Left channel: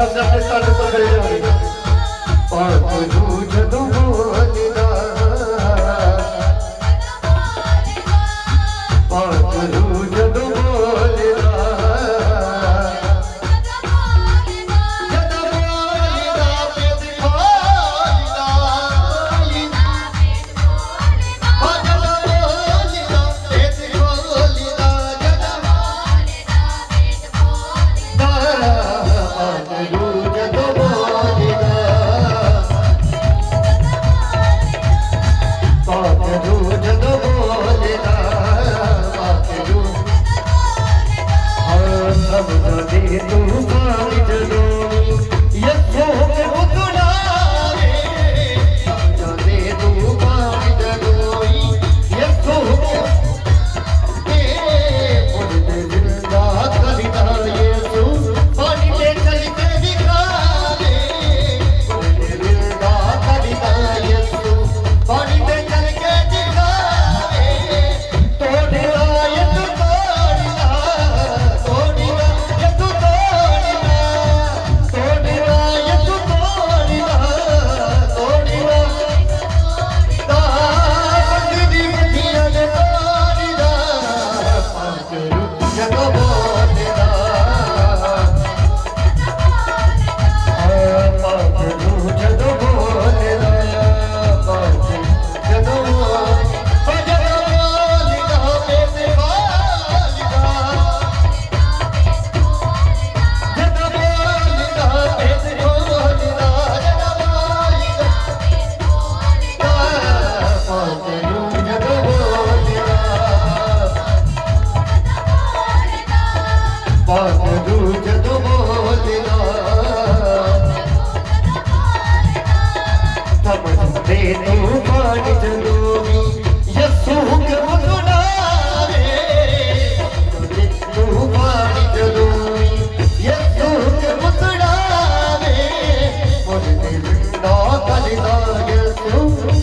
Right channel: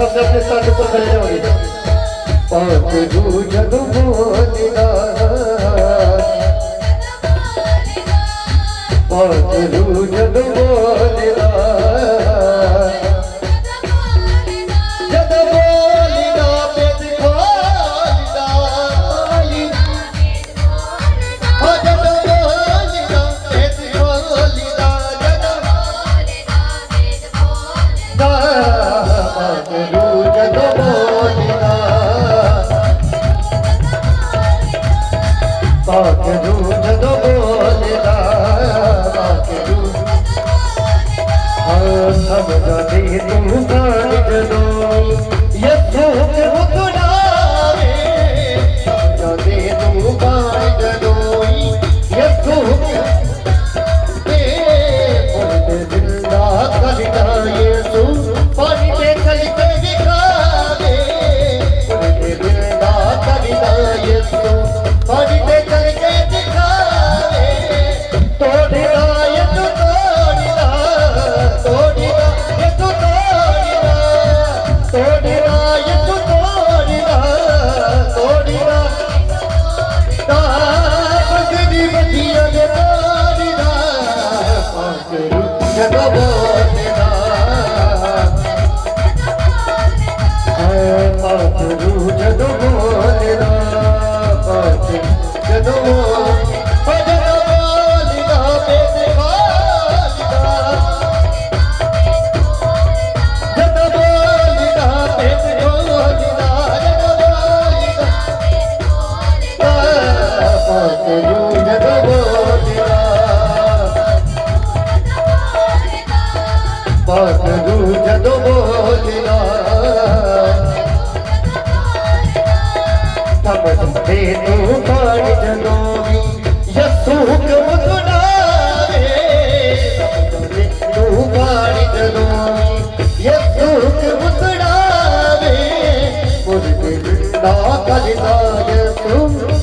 सब अपने साथ पर खड़े रहोगे। पाक रू जदों बोलदा पाक रू जदों बोलदा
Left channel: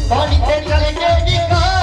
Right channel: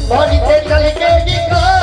पानी ते चल के दिखा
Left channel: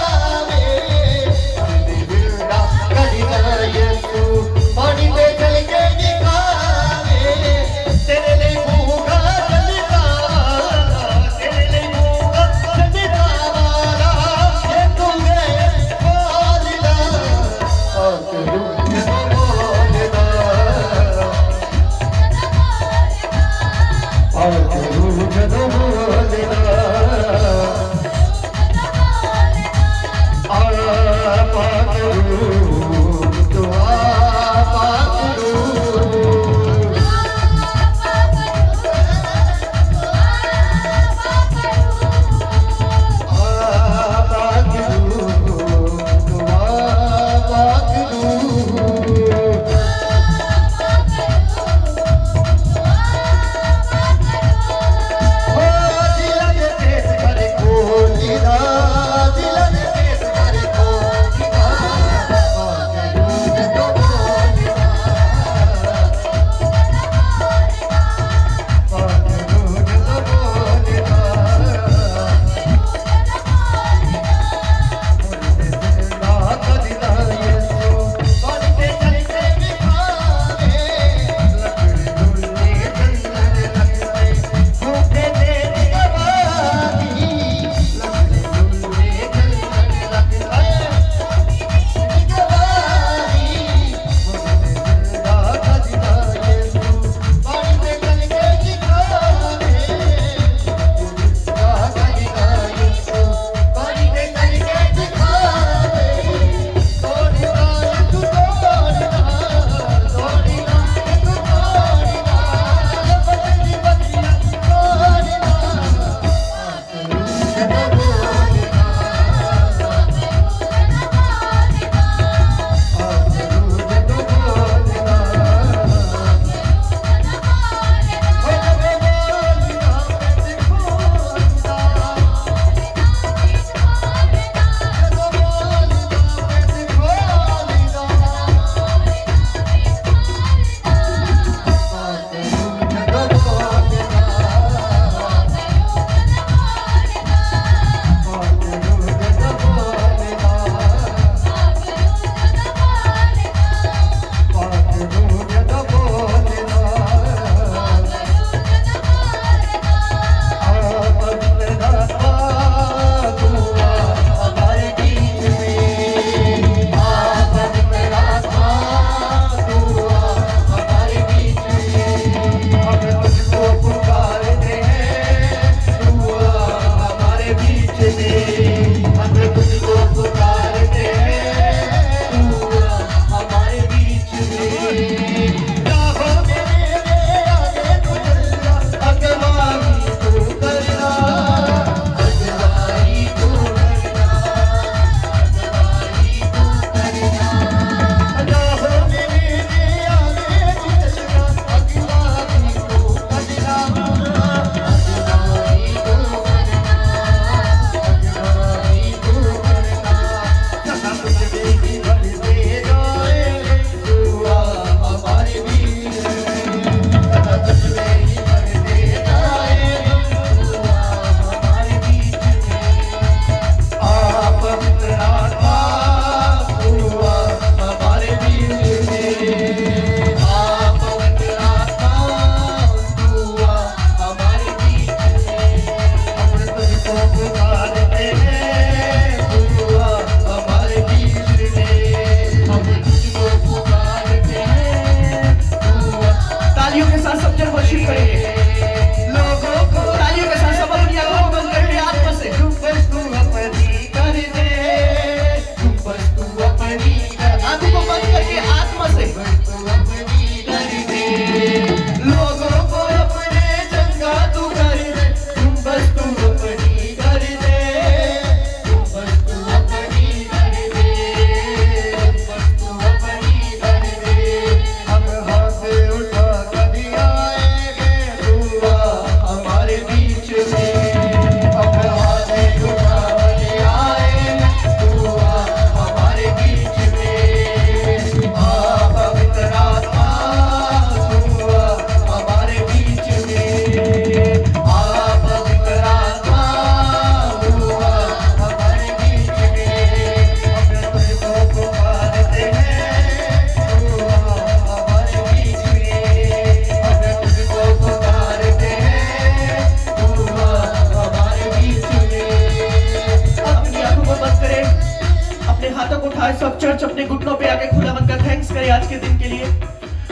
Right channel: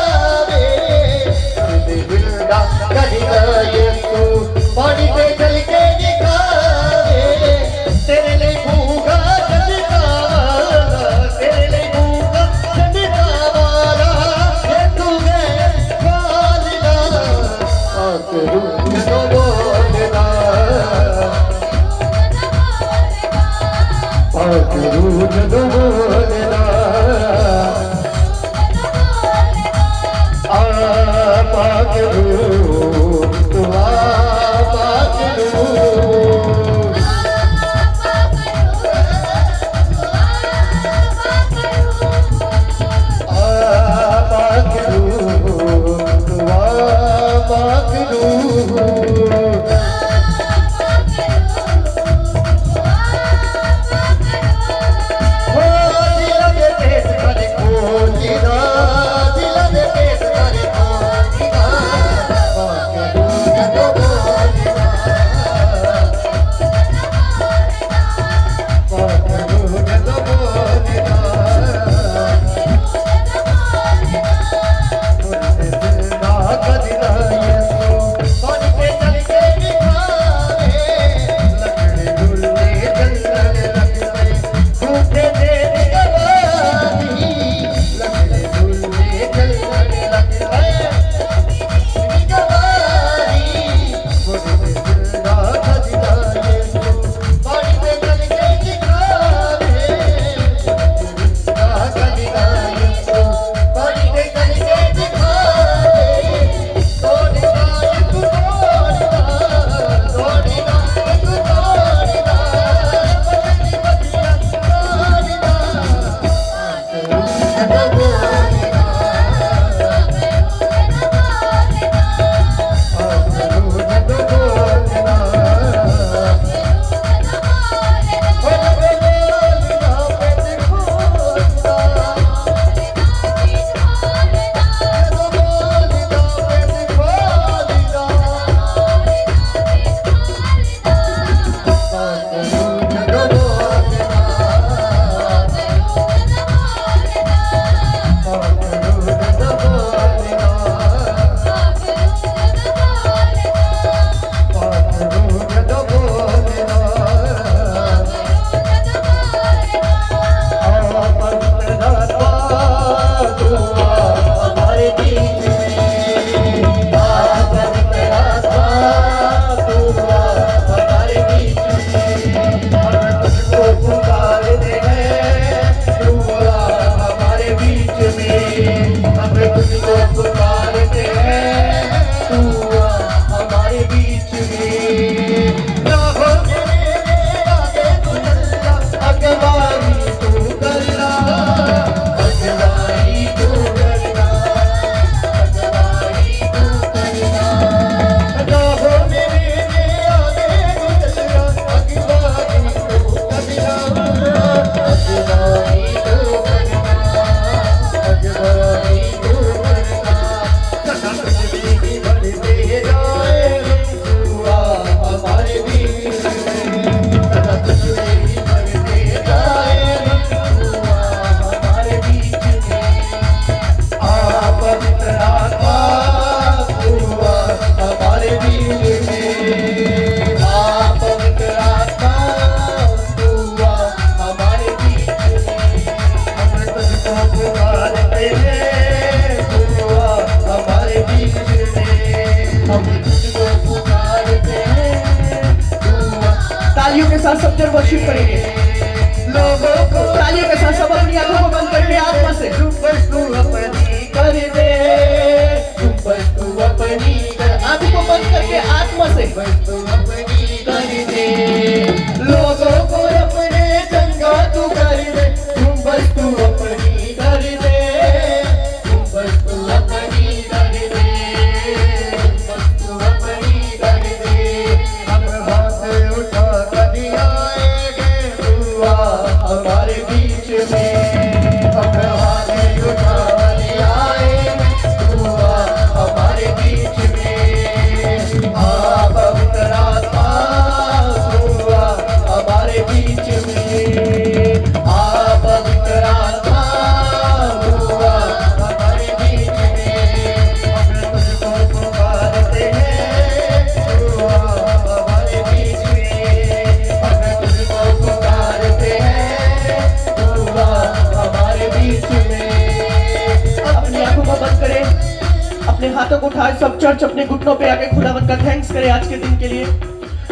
को उठाए, सब चर्च अपने घुटनों पे आके खुदावन का थैंक्स करे आज के दिन के लिए,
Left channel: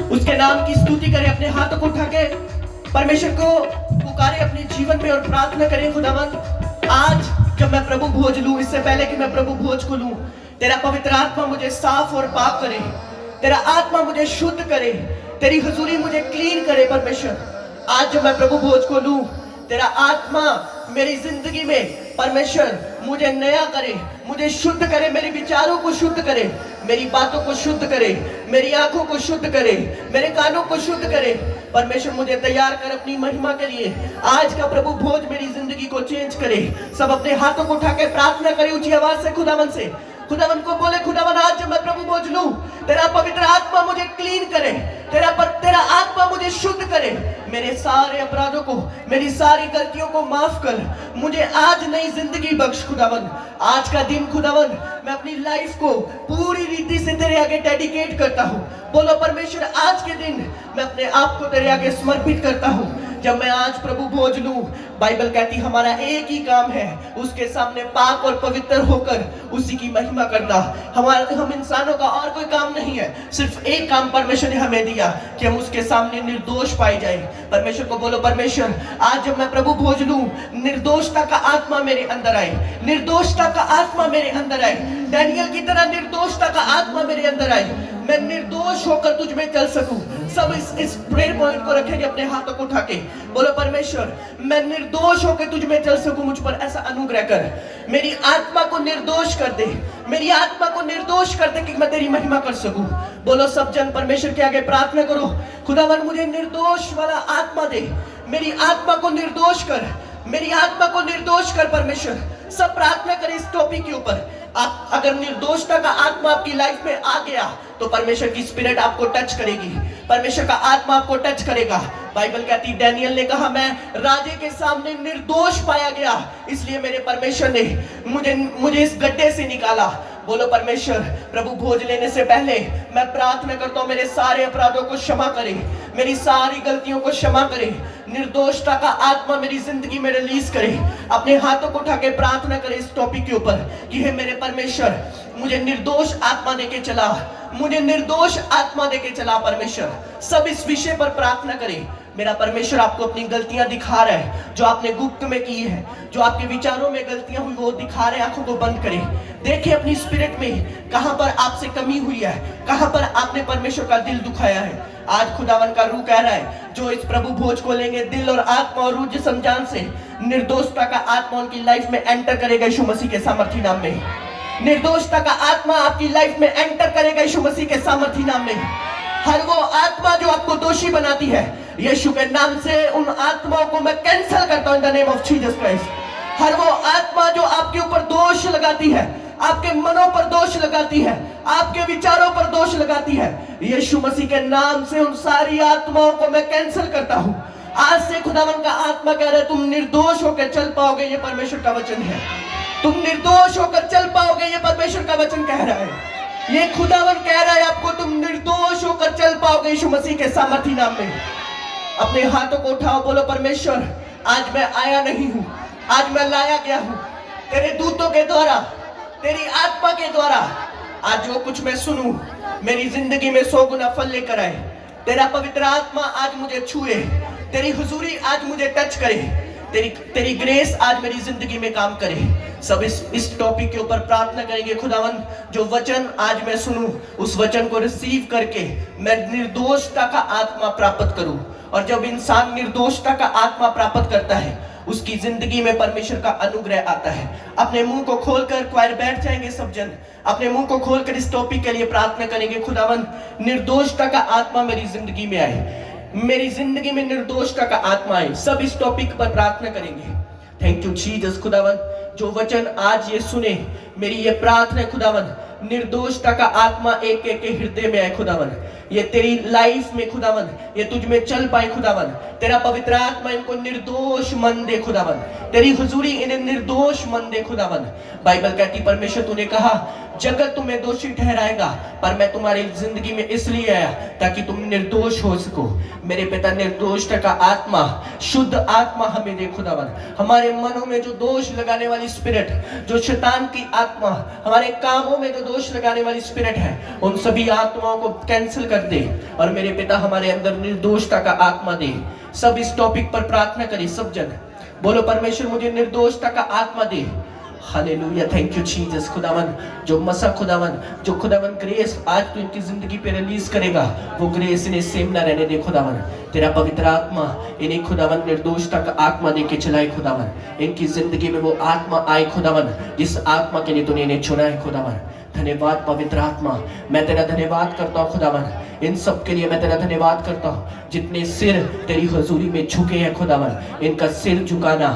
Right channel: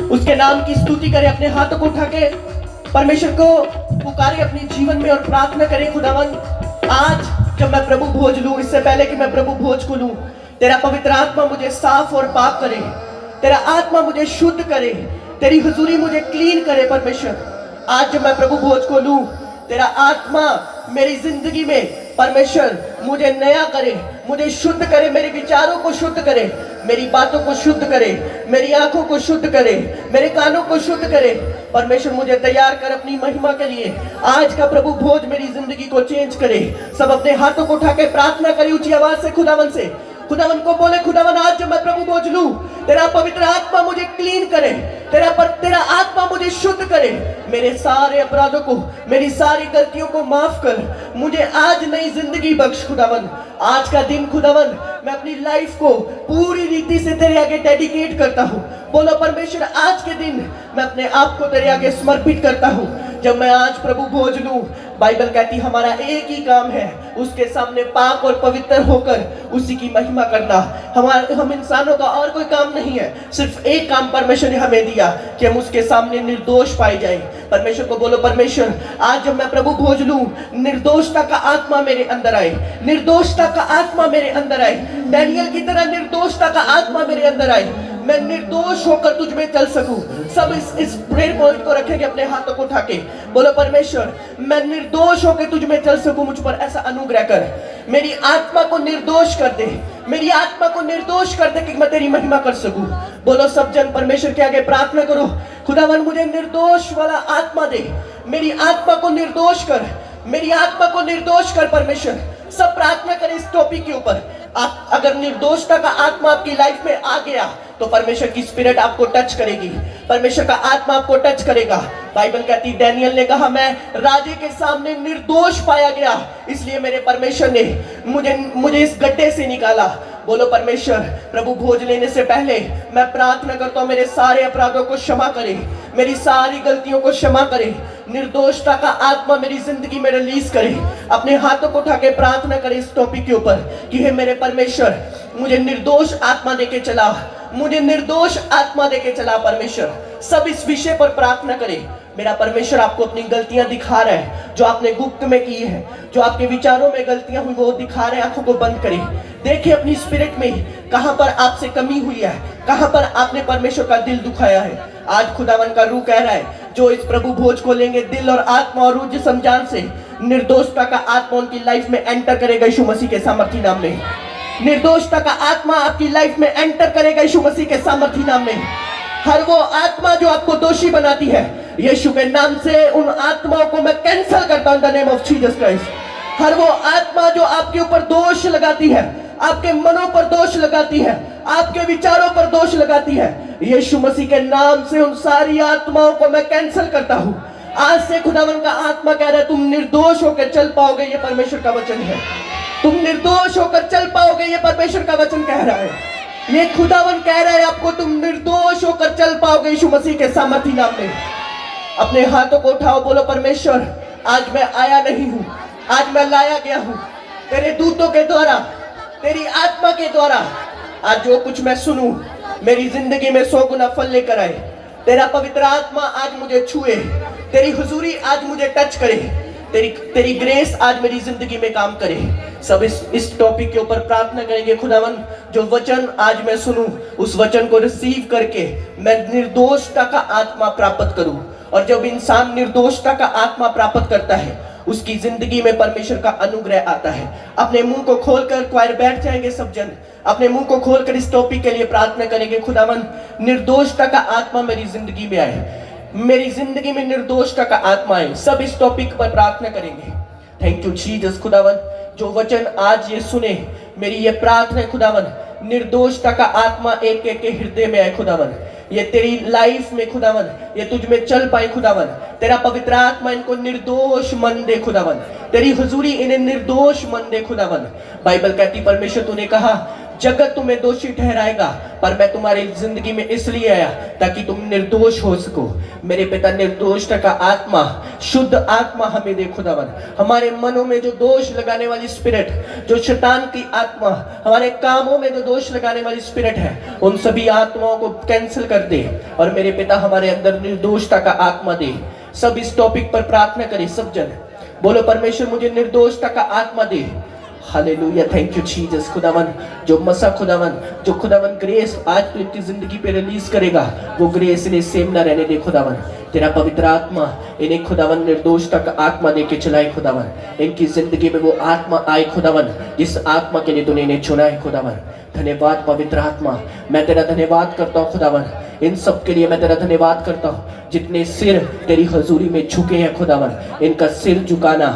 उसके नाम की स्तुति करे, अपने हाथों को उठा के परमेश्वर को पुकारे अपने जीवन में और प्रार्थना करें। खुदावन आज जब मैं प्रभु भोज लूं, इससे पहले कि मैं प्रभु भोज को लूं, तेरा पवित्र आत्मा मुझे साफ और पाक करे, तेरा आत्मा मुझे शुद्ध करे, तेरी हुजूरी मुझे क्लीन करे। परमेश्वर आज जब मैं प्रभु भोज को लूं, तेरा आत्मा मेरी जिंदगी में परमेश्वर मुझे नया करे, मुझे शुद्ध करे, मेरे विचारों को शुद्ध करे, मेरी बातों को शुद्ध करे, मेरी आंखों को शुद्ध करे, मेरे कानों को शुद्ध करे। परमेश्वर मुझे तैयार कर अपनी महिमा के लिए। आज का प्रभु भोज मेरी जिंदगी को चेंज करे। सब अपने हाथों को उठा के प्रार्थना करे ऊंची आवाज से खुदावन से। खुदावन को बोले, खुदावन आज जब मैं प्रभु भोज लूं, तेरा पवित्र आत्मा मुझे क्लीन करे, तेरा आत्मा मुझे शुद्ध करे, मेरे सारे अपराधों को, मेरी सारी गलतियों को माफ कर, मुझे आज नई जिंदगी बख्श। खुदावन आज का दिन खुदावन मैं अपनी लाइफ को पूरी रीति से तेरे आगे डेडिकेट करता हूँ। बोलो परमेश्वर आज के दिन मैं अपने आप को तेरे आगे समर्पित करता हूँ। जब मैं आज प्रभु भोज लूं, बाइबल कहती हमारा एक ही काम है, उसके सामने पाक और पवित्र होकर उसी की महिमा करना। हम इंसानों का और कोई काम नहीं है, सिर्फ एक काम परमेश्वर ने हमें दिया कि हम उसके सामने निर्दोष पाए जाएं। परमेश्वर को बोलो, परमेश्वर आज जब मैं प्रभु भोज लूं, निर्दोषता का आत्मा मेरे अंदर आए, निर्दोषता का आत्मा मेरे अंदर आए, डैनियल की तरह निर्दोषता का आत्मा मेरे अंदर आए, मैं निर्दोष होकर तुझ में चल सकूं। सब इस प्रेयर पॉइंट को रखेंगे अपने हाथों को उठा के। बोलो परमेश्वर मैं निर्दोष होकर तुझ में चल सकूं, मुझ पर ऐसा अनुग्रह कर, मेरी आत्मा को निर्दोष कर दे, मेरी आत्मा को निर्दोष कर दे कि मैं तेरी महिमा कर सकूं। बोलो सब जन परमेश्वर के आगे प्रार्थना करो, खुदावन मुझे निर्दोष वाला आत्मा दे, मेरी आत्मा को निर्दोष कर, मेरी आत्मा को निर्दोष कर। परमेश्वर सब प्रार्थना करें इस टॉपिक के ऊपर। अगर निर्दोषता का आत्मा आपकी लाइफ में आ गया तो परमेश्वर की स्पिरिट आपको टच करेगी, परमेश्वर का आत्मा आपको टच करेगा। बाइबल कहती डैनियल ने कहा मैं राजे के सामने निर्दोष पाया गया, इसलिए मेरे परमेश्वर ने मुझे इस गड्ढे से निकाला। बोलो परमेश्वर प्रभु भोज लेने से पहले मैं प्रार्थना करता हूँ मेरे सारे अपराधों को क्षमा करे, मेरी सारी गलतियों को क्षमा करे, निर्दोषता का आत्मा मेरी जिंदगी में रिलीज करे। अपने हाथों को उठा के प्रार्थना करे इस टॉपिक के ऊपर कि हे मेरे परमेश्वर मुझे निर्दोष आत्मा देके चला, मुझे निर्दोष आत्मा देके चला। परमेश्वर सब इस विषय पर प्रार्थना करें। मेरा परमेश्वर आपको अपनी गलतियां दिखा रहा है जो आपने गुप्त में की है, जो आपके विचारों में गलतियां हुई वो दिखा रहे हैं। आंखों को बंद करें, देखिए अपनी स्पिरिट में कहां पर आपसे कमी हुई है, कहां पर आपने परमेश्वर का दिल दुखाया है। आज खुदावन का रूह कह रहा है जो इस प्रभु भोज को लेंगे दिल और आत्मा और रूह जिस्म जान से, निर्दोषता का आत्मा उनकी लाइफ में एंटर करेगा यीशु मसीह के सामर्थी नाम में। निर्दोषता का आत्मा आपकी लाइफ में एंटर करेगा यीशु मसीह के सामर्थी नाम में। हर वो आत्मा जो आपको दोषी बनाती है, यीशु के नाम से उन आत्माओं को मैं कैंसिल करता हूं in the name of Jesus Christ. हर वो आत्मा जो आपके ऊपर दोष लगाती है, आपके मनों पर दोष लगाती है, आपके विचारों पर दोष लगाती है, यीशु मसीह के नाम से उन सारी आत्माओं को मैं कैंसिल करता हूं। आज से खुदावन का आत्मा कह रहा है तुम निर्दोष होकर चल पाओगे, ये परमेश्वर का वचन है। तुम निर्दोष होकर चल पाओगे, ये परमेश्वर का वचन कह रहा है। ये खुदावन कह रहा है आपको तुम निर्दोष होकर चल पाओगे यीशु मसीह के सामर्थी नाम में। अपने हाथों को उठाओ, बोलो परमेश्वर आज मैं आया नहीं हूं, आज मैं लाया गया हूं तेरे दूतों के द्वारा, तेरी आत्मा के द्वारा। आज जो कुछ मैं सुनूं मेरी जिंदगी में 100 गुना फल लेकर आए। तेरा पवित्र आत्मा आज मुझे छुए, तेरी हुजूरी आज मुझे टच करे, तेरी ग्रेस आज मेरी जिंदगी में काम करे। सब इस टॉपिक के ऊपर प्रार्थना करेंगे। खुदावन जो वचन आज मैं सुनूं उस वचन को रिसीव करके मैं निर्दोषता का आत्मा प्राप्त करूं। और जब इंसान निर्दोषता का आत्मा प्राप्त करता है उसकी जिंदगी में परमेश्वर का अनुग्रह आता है। अपने मुंह को खोलकर क्वायर बैठ जाएंगे सब जन, अपने मुंह को खोलकर इस टॉपिक के लिए प्रार्थना करेंगे। खुदावन निर्दोषता का आत्मा मेरी जिंदगी में आए, मेरी जिंदगी में निर्दोषता का आत्मा आए। सब इस टॉपिक पर प्रार्थना करेंगे। Thank you Jesus. खुदावन जो वचन आज ये सुने मेरी ये प्रार्थना है खुदावन निर्दोषता का आत्मा एक एक के हृदय में आए खुदावन। ये तेरी लाइफ में खुदावन, ये तुझ में चल पाए खुदावन। तेरा पवित्र आत्मा इनको निर्दोष मन दे खुदावन, तेरी हुजूरी इन्हें निर्दोष मन दे खुदावन। बाइबल कहती परमेश्वर तूने कहा जगत तुम्हें दोषी ठहराएगा, पर मैं तुम्हारी जिंदगी में इसलिए आया ताकि तुम निर्दोष हो सको। मेरे पिता निर्दोषता का आत्मा, शुद्ध आत्मा हमें दे खुदावन। हमारे मनों में जो दोष लगाने वाली स्पिरिट, जो शैतान की आत्मा हमारे कामों में जो दोष लगाने वाली स्पिरिट है, उन सभी आत्माओं को कैंसिल कर दे और मेरे पिता हमारे अंदर निर्दोषता का आत्मा दे। सब इस टॉपिक पर प्रार्थना करें, सब जन बोलो परमेश्वर मुझे निर्दोषता का आत्मा दे। Hallelujah, thank you Jesus. खुदावन जो मसा खुदावन, जो खुदावन ग्रेस आज तो इनकी जिंदगी पे रिलीज करेगा, वो ग्रेस इन्हें सेम ना रहने दे खुदावन। तेरा पवित्र आत्मा इन्हें खुदावन निर्दोषता का आत्मा देके चलाए खुदावन। इनकी जिंदगी में वो आत्मा आए खुदावन जिस आत्मा के लिए तूने इन्हें चुना है खुदावन। धन्यवाद पवित्र आत्मा, मैं तेरा धन्यवाद करता हूँ खुदावन। इन सब के लिए मैं तेरा धन्यवाद करता हूँ जितने सिर तेरी हजूरी में झुके हैं खुदावन। इनका सिर झुकाना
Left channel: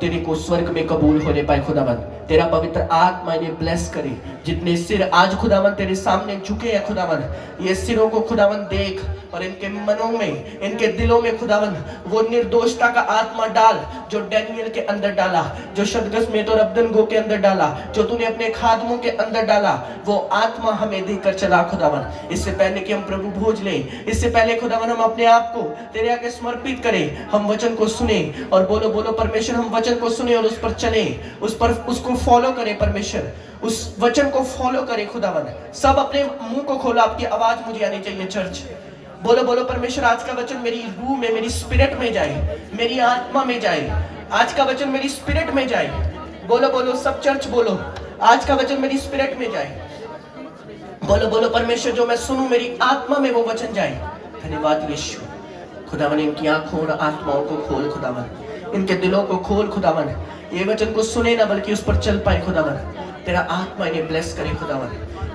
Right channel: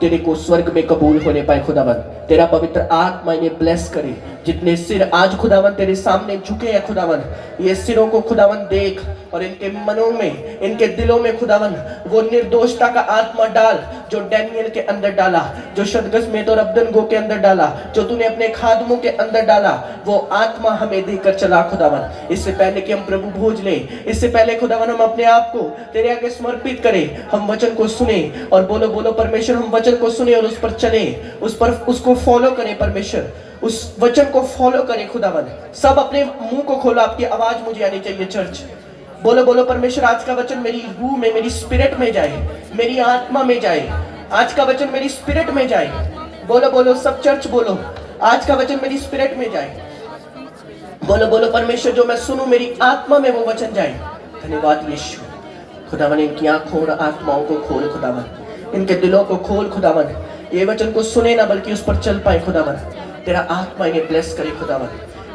तेरे को स्वर्ग में कबूल होने पाए खुदावन। तेरा पवित्र आत्मा इन्हें ब्लेस करे। जितने सिर आज खुदावन तेरे सामने झुके हैं खुदावन, ये सिरों को खुदावन देख और इनके मनों में, इनके दिलों में खुदावन वो निर्दोषता का आत्मा डाल जो डैनियल के अंदर डाला, जो शदगस्मेत और अब्दनगो के अंदर डाला, जो तूने अपने खादमों के अंदर डाला, वो आत्मा हमें देकर चला खुदावन। इससे पहले कि हम प्रभु भोज लें, इससे पहले खुदावन हम अपने आप को तेरे आगे समर्पित करें, हम वचन को सुने और बोलो बोलो परमेश्वर हम वचन को सुने और उस पर चले, उस पर उसको फॉलो करें परमेश्वर, उस वचन को फॉलो करें खुदावन। सब अपने मुंह को खोलो, आपकी आवाज मुझे आनी चाहिए चर्च। बोलो बोलो परमेश्वर आज का वचन मेरी रूह में, मेरी स्पिरिट में जाए, मेरी आत्मा में जाए। आज का वचन मेरी स्पिरिट में जाए। बोलो बोलो सब चर्च बोलो, आज का वचन मेरी स्पिरिट में जाए। बोलो बोलो परमेश्वर जो मैं सुनूं मेरी आत्मा में वो वचन जाए। धन्यवाद यीशु। खुदावन इनकी आंखों और आत्माओं को खोल खुदावन, इनके दिलों को खोल खुदावन। ये वचन को सुने ना बल्कि उस पर चल पाए खुदावन। तेरा आत्मा इन्हें ब्लेस करे खुदावन,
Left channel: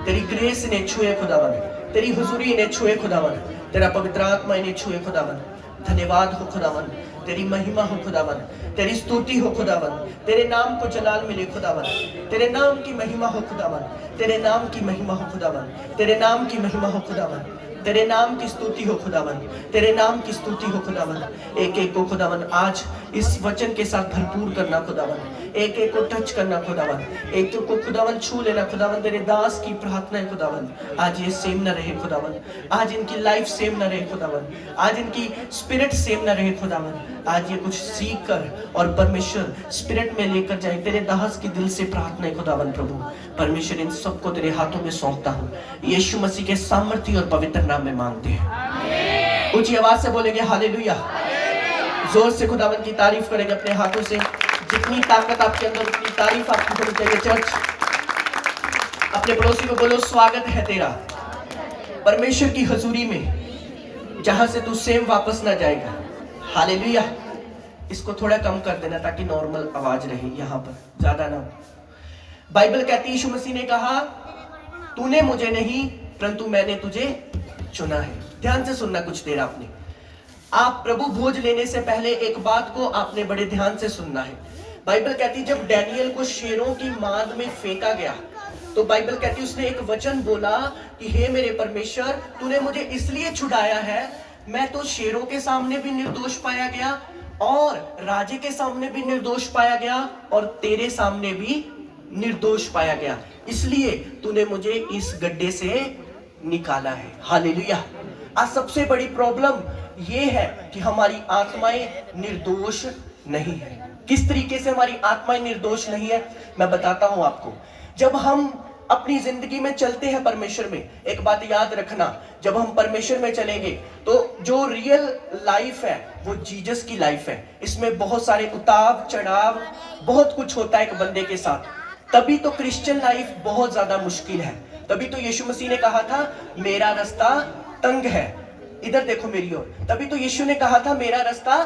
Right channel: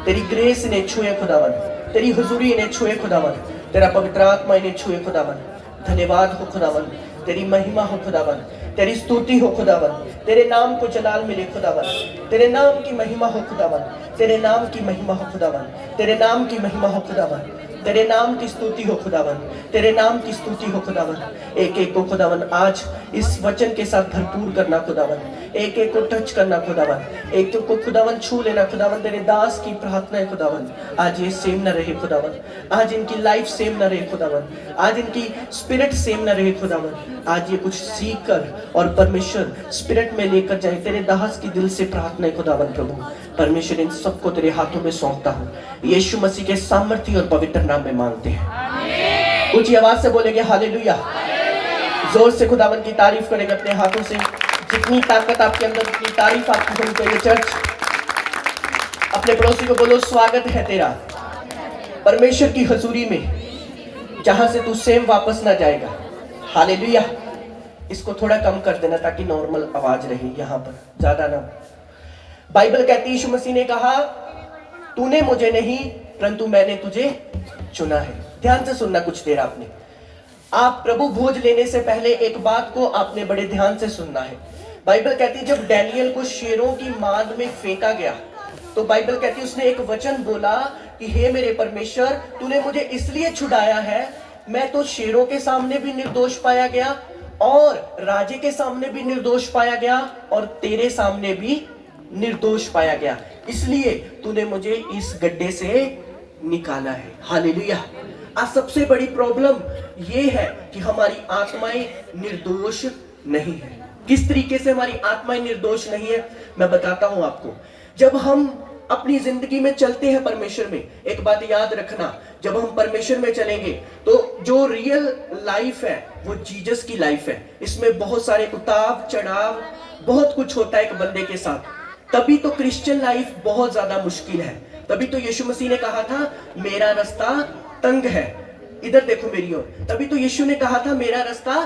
तेरी ग्रेस इन्हें छुए खुदावन, तेरी हुजूरी इन्हें छुए खुदावन, तेरा पवित्र आत्मा इन्हें छुए खुदावन। धन्यवाद हो खुदावन, तेरी महिमा हो खुदावन, तेरी स्तुति हो खुदावन, तेरे नाम को जलाल मिले खुदावन, तेरे नाम की महिमा हो खुदावन, तेरे नाम की महिमा हो खुदावन, तेरे नाम की महिमा हो खुदावन, तेरे नाम की स्तुति हो खुदावन, तेरे नाम की स्तुति हो खुदावन। एक एक को खुदावन आज इस वचन के साथ भरपूर करना खुदावन, एक एक को टच करना खुदावन, एक एक को खुदावन छू लेना खुदावन। तेरे दास की प्रार्थना है खुदावन, आज ये सेम ना रहे खुदावन, आज इनकी लाइफ सेम ना रहे खुदावन, आज इनकी स्पिरिट सेम ना रहे खुदावन। आज ये कुछ सीख कर और परमेश्वर स्पिरिट में लेकर जाए। तेरे दास की दिल से प्रार्थना है खुदावन प्रभु। परमेश्वर इन सबको तेरे हाथों में सौंपता हूँ, यीशु मसीह के सामर्थ्य और पवित्र नाम में मांगते हैं। ऊंची आवाज से बोलेंगे हालेलुया। जोर से खुदावन की तारीफ करेंगे अपने हाथों से। जितनी ताकत आपके अंदर उतनी तारीफ आपकी होनी चाहिए चर्च। अपने पड़ोसी को बोलो स्वागत है तेरा परमेश्वर की हजूरी में, जहां से तू सेम वापस ना जाएगा। हालेलुया। इसको थोड़ा कम कर देना ताकि नॉर्मल आवाज रहे, यहाँ पर ज्यादा ना। बाइबल कहती है यीशु मसीह ने कहा तूने मुझे नहीं परंतु मैंने तुझे चुना है। ध्यान से सुनना कुछ देर आपने। आप प्रभु भोज लेने से पहले एक बात को आपने बड़े ध्यान से सुनना है। बाइबल कहती है जब डैनियल को शेरों की मांद में फेंका गया तो बाइबल कहती है उसने एक वचन बोला कि हे मेरे परमेश्वर तूने मुझे इसलिए छुड़ाया है, मैं तो शेरों के सामने भी निर्दोष पाया गया और राजे के सामने भी निर्दोष पाया गया और तेरे सामने भी निर्दोष पाया गया, इसलिए तूने मुझे इस गड्ढे से निकाला है। हालेलुया। आज सबसे बड़ी प्रॉब्लम ये है कि हमारी आत्माएं निर्दोष नहीं है। किस तरीके से हमारी आत्माएं निर्दोष नहीं है मैं बताता हूं आपको। जब हम अपनी जिंदगी में चलते हैं परमेश्वर में, एक बात याद रखना, जब हम परमेश्वर में चलेंगे तो जो रियल लाइफ है वो जीसस की लाइफ है। इसमें बहुत सारे उतार चढ़ाव, बहुत कुछ होता है एक बंदे के साथ। तभी तो क्रिश्चियन लाइफ बहुत ज्यादा मुश्किल है। तभी तो यीशु मसीह ने कहा था मेरा रास्ता तंग है। इधर देखो मेरी ओर। तभी तो यीशु ने कहा था मेरा रास्ता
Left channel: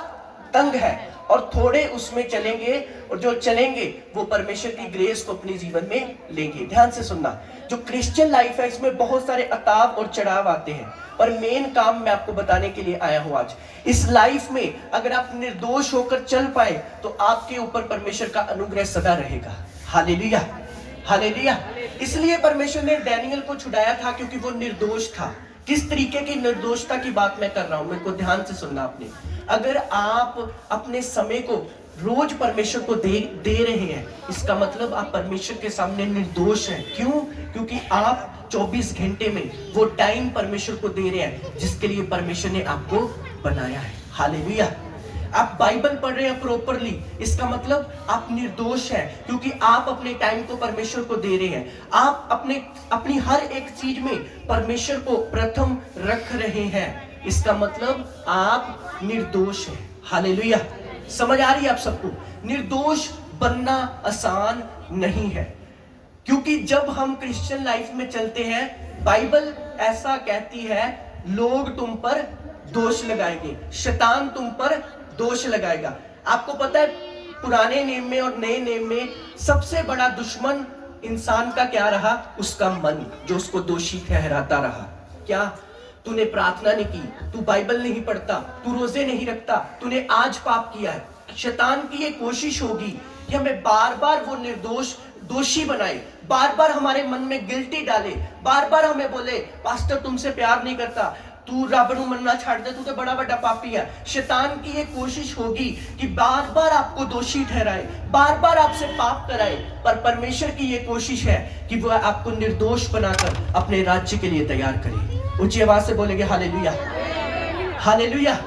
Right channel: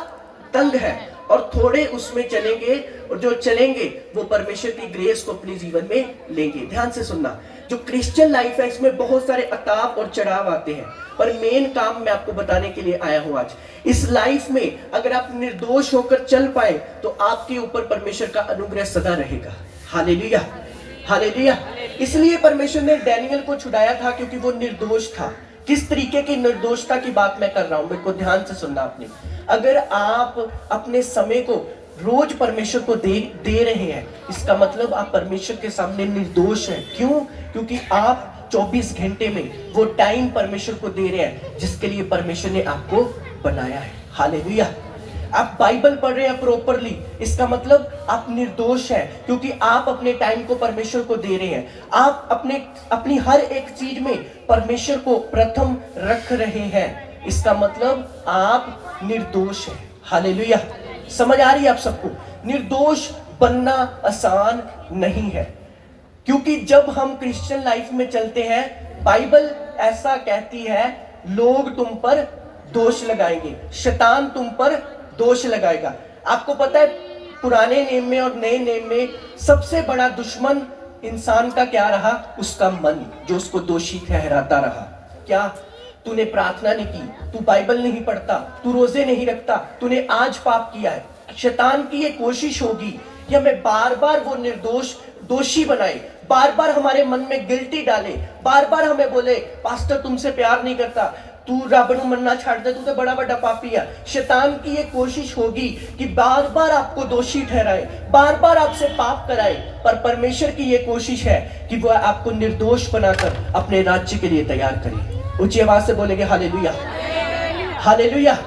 तंग है और थोड़े उसमें चलेंगे और जो चलेंगे वो परमेश्वर की ग्रेस को अपने जीवन में लेंगे। ध्यान से सुनना, जो क्रिश्चियन लाइफ है इसमें बहुत सारे अताप और चढ़ाव आते हैं, पर मेन काम मैं आपको बताने के लिए आया हूं आज। इस लाइफ में अगर आप निर्दोष होकर चल पाए तो आपके ऊपर परमेश्वर का अनुग्रह सदा रहेगा। Hallelujah, hallelujah. इसलिए परमेश्वर ने डैनियल को छुड़ाया था क्योंकि वो निर्दोष था। किस तरीके की निर्दोषता की बात मैं कर रहा हूं, मेरे को ध्यान से सुनना आपने। अगर आप अपने समय को रोज परमेश्वर को दे रहे हैं, इसका मतलब आप परमेश्वर के सामने निर्दोष हैं। क्यों? क्योंकि आप 24 घंटे में वो टाइम परमेश्वर को दे रहे हैं जिसके लिए परमेश्वर ने आपको बनाया है। हालेलुया। आप बाइबल पढ़ रहे हैं प्रॉपरली, इसका मतलब आप निर्दोष हैं, क्योंकि आप अपने टाइम को परमेश्वर को दे रहे हैं। आप अपनी हर एक चीज में परमेश्वर को प्रथम रख रहे हैं, इसका मतलब आप निर्दोष हैं। हालेलुया। समझ आ रही है आप सबको? निर्दोष बनना आसान नहीं है, क्योंकि जब हम क्रिश्चियन लाइफ में चलते हैं, बाइबल ऐसा कहती है, लोग तुम पर दोष लगाएंगे, शैतान तुम पर दोष लगाएगा। आपको पता है पुराने नेम में और नए नेम में सबसे बड़ा दुश्मन इंसान का क्या रहा? उसका मन, जो उसको दोषी ठहराता रहा। क्या? तूने प्रार्थना नहीं की, तू बाइबल नहीं पढ़ता, तू रोजे नहीं रखता, तूने आज पाप किया है। शैतान की ये कोशिश होगी कि हमें बार बार वो निर्दोष दोषी बनाए, बार बार हमारे मन में गिल्टी डाले, बार बार हमें बोले पास्टर तुमसे प्यार नहीं करता, तू रबड़ू मनना छाड़ दे, तू तो बड़ा बड़ा पापी है। शैतान की ये कोशिश होगी कि बार बार आपको दोषी ठहराए, बार बार आपसे पाप कराए, पर परमेश्वर की ये कोशिश है कि वह आपको निर्दोष बनाकर अपने राज्य के लिए तैयार करे। ऊंची आवाज से बोलेंगे हालेलुया, हालेलुया।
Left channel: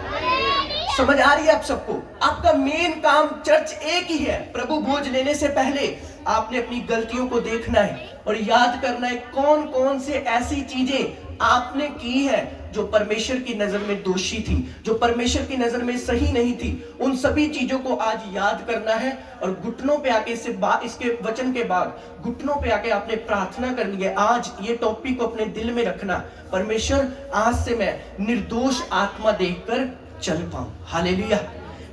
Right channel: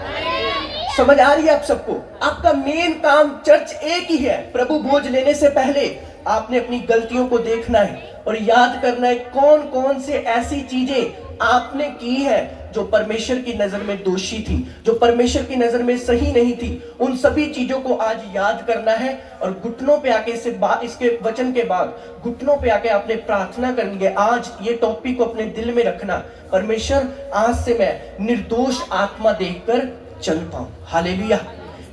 समझ आ रही है आप सबको? आपका मेन काम चर्च एक ही है। प्रभु भोज लेने से पहले आपने अपनी गलतियों को देखना है और याद करना है कौन कौन से ऐसी चीजें आपने की है जो परमेश्वर की नजर में दोषी थी, जो परमेश्वर की नजर में सही नहीं थी। उन सभी चीजों को आज याद करना है और घुटनों पे आके इसके वचन के बाद घुटनों पे आके आपने प्रार्थना करनी है। आज ये टॉपिक को अपने दिल में रखना, परमेश्वर आज से मैं निर्दोष आत्मा देखकर चल पाऊं। हालेलुया।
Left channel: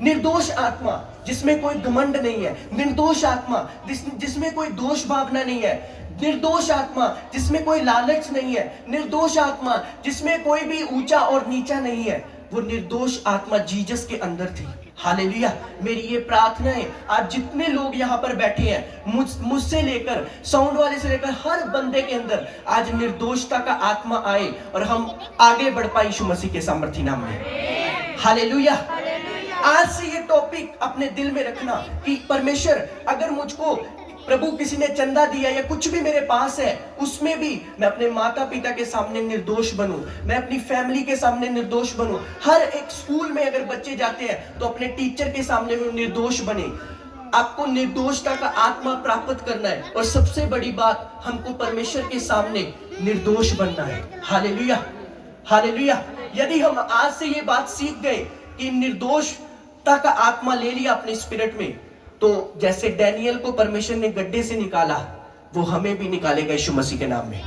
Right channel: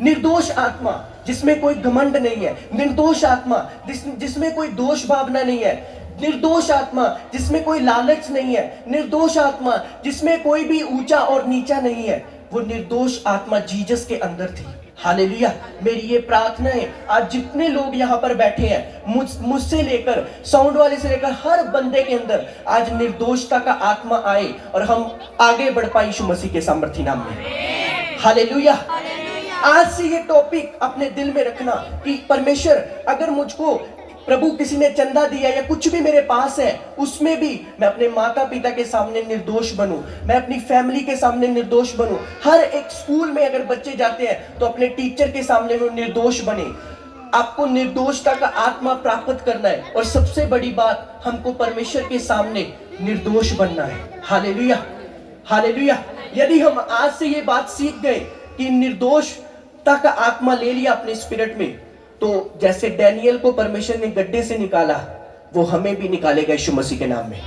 निर्दोष आत्मा जिसमें कोई घमंड नहीं है, निर्दोष आत्मा जिसमें कोई दोष भावना नहीं है, निर्दोष आत्मा जिसमें कोई लालच नहीं है, निर्दोष आत्मा जिसमें कोई भी ऊंचा और नीचा नहीं है, वो निर्दोष आत्मा जीसस के अंदर थी। हालेलुया। मेरी ये प्रार्थना है आज जितने लोग यहाँ पर बैठे हैं, मुझसे लेकर साउंड वाले से लेकर हर बंदे के अंदर आज निर्दोषता का आत्मा आए और हम आगे बढ़ पाए यीशु मसीह के सामर्थी नाम में। हालेलुया। आज से ये टॉपिक अपने दिल में रखना कि परमेश्वर अगर मुझको प्रभु किसी ने चंदा दिया या कुछ भी मेरे पास है, उसमें भी मैं अपने माता पिता के सामने निर्दोष बनूं, मैं अपनी फैमिली के सामने निर्दोष बनूं। हर एक स्कूल में अगर बच्चे जाते हैं तो अपने टीचर के सामने वो निर्दोष बने। आपको निर्दोषता का आत्मा प्राप्त करना है और सबसे बड़ी बात, हमको परमेश्वर के सामने निर्दोष बनना है। Hallelujah, hallelujah. यदि हम आज से ये बात सीख गए कि निर्दोषता का आत्मा ले लिया अपने स्पिरिट में, तो जैसे डैनियल को परमेश्वर ने गड्ढे से निकाला, वो हमें भी निकालेगा यीशु मसीह के नाम में।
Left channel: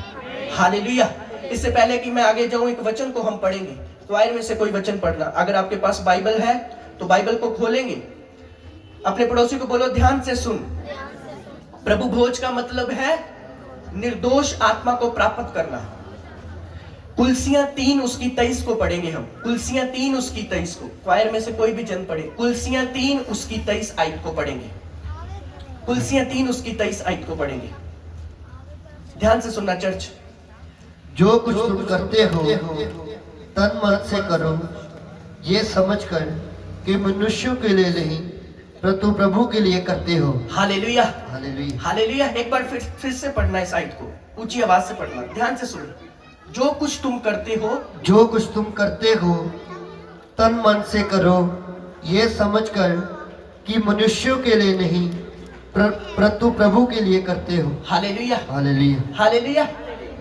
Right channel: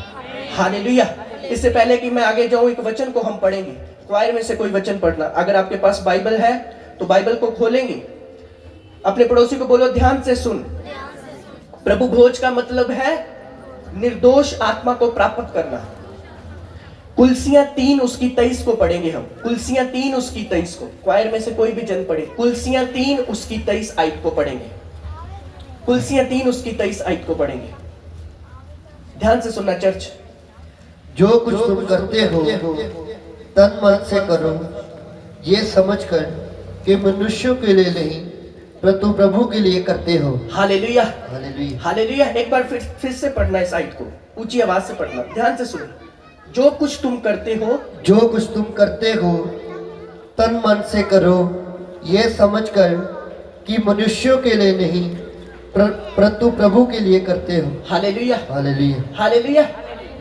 हालेलुया। इससे पहले कि मैं आगे जाऊं, एक वचन को हम पढ़ेंगे। क्वायर में से कोई वचन पढ़ना। अगर आपके पास बाइबल है तो बाइबल को खोलेंगे। अपने पड़ोसी को बोलो ध्यान से सुन। प्रभु भोज का मतलब है निर्दोष आत्मा को प्राप्त करना। कुलसियां 3 उसकी 23 को पढ़ेंगे हम। कुलसियां 3 उसकी 23 को। क्वायर में से कोई भी जन पढ़े। कुलसियां 3 उसकी 23 आयत को पढ़ेंगे। कुलसियां 3 उसकी 23 आयत को पढ़ेंगे। ध्यान से सुनना चर्च। जो कुछ तुम करते हो तन मन से करो, ये समझकर कि मनुष्यों के लिए नहीं परंतु प्रभु के लिए करते हो। Hallelujah, hallelujah, hallelujah. एक बार फिर से पढ़ना इस आयत को, ऊंची आवाज से पढ़ना, ध्यान से सुनो। जो कुछ तुम करते हो, जो कुछ तुम करते हो तन मन से करो, ये समझकर कि मनुष्यों के लिए नहीं परंतु प्रभु के लिए करते हो। Hallelujah, hallelujah, hallelujah.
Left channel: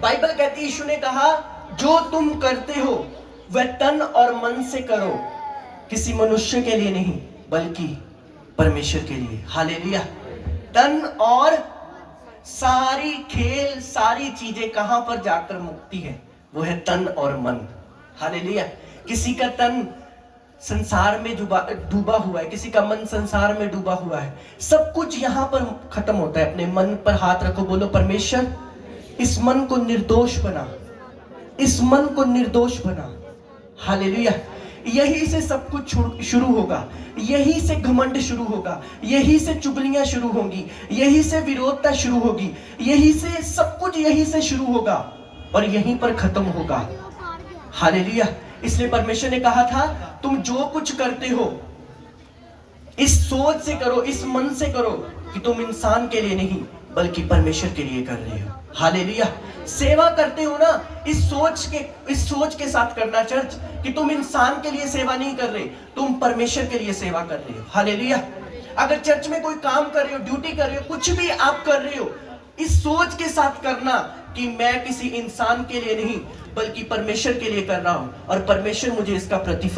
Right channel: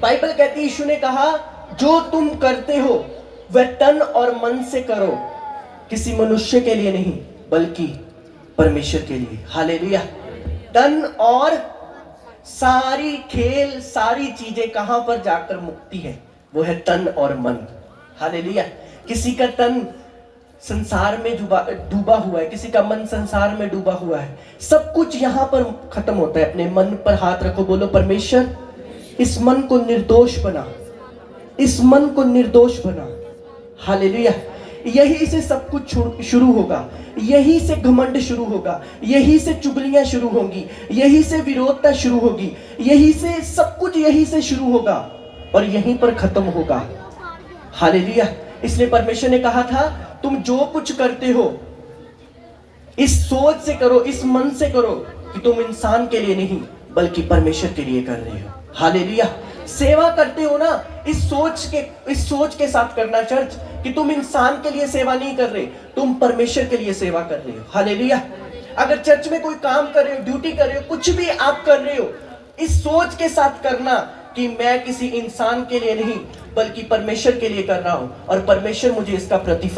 बाइबल कहती है, यीशु ने कहा जो तुम करते हो वह तन और मन से करो, किसी मनुष्य के लिए नहीं बल्कि परमेश्वर के लिए। हालेलुया। तन और सारी खेल, सारी चीजें कहां पर जाकर मुक्ति है? वो है तन और मन। हालेलुया। किसी का तन संसार में डूबा हुआ है, किसी का मन संसार में डूबा हुआ है। सब कुछ यहां पर खत्म होता है। अपने मन पर हाथ रखो, बोलो परमेश्वर इस मन को निर्दोष बना, इस मन को निर्दोष बना। हालेलुया। यही से सब कुछ शुरू होगा, यही से घमंड शुरू होगा, यही से चुगलियां शुरू होंगी, यही से विरोधता शुरू होगी, यही से सब कुछ यही से शुरू होगा और यहीं पर खत्म होगा। हालेलुया। इसलिए परमेश्वर ने कहा था तुम जो कुछ करते हो इस सोच से करो, इस मन से करो कि तुम इंसान के लिए नहीं बल्कि परमेश्वर के लिए कर रहे हो। हालेलुया। सेवा करते हो ना, इस सोच के साथ करना चर्च कि तुम इंसान के लिए सेवा नहीं कर रहे, तुम परमेश्वर के लिए सेवा कर रहे हो। हालेलुया। अगर चर्च में कोई काम कर रहे हो, ड्यूटी कर रहे हो, कुछ भी आप कर रहे हो, इस सोच के साथ करना कि मैं किसी इंसान के लिए नहीं बल्कि परमेश्वर के लिए कर रहा हूं और परमेश्वर मुझे इसका प्रतिफल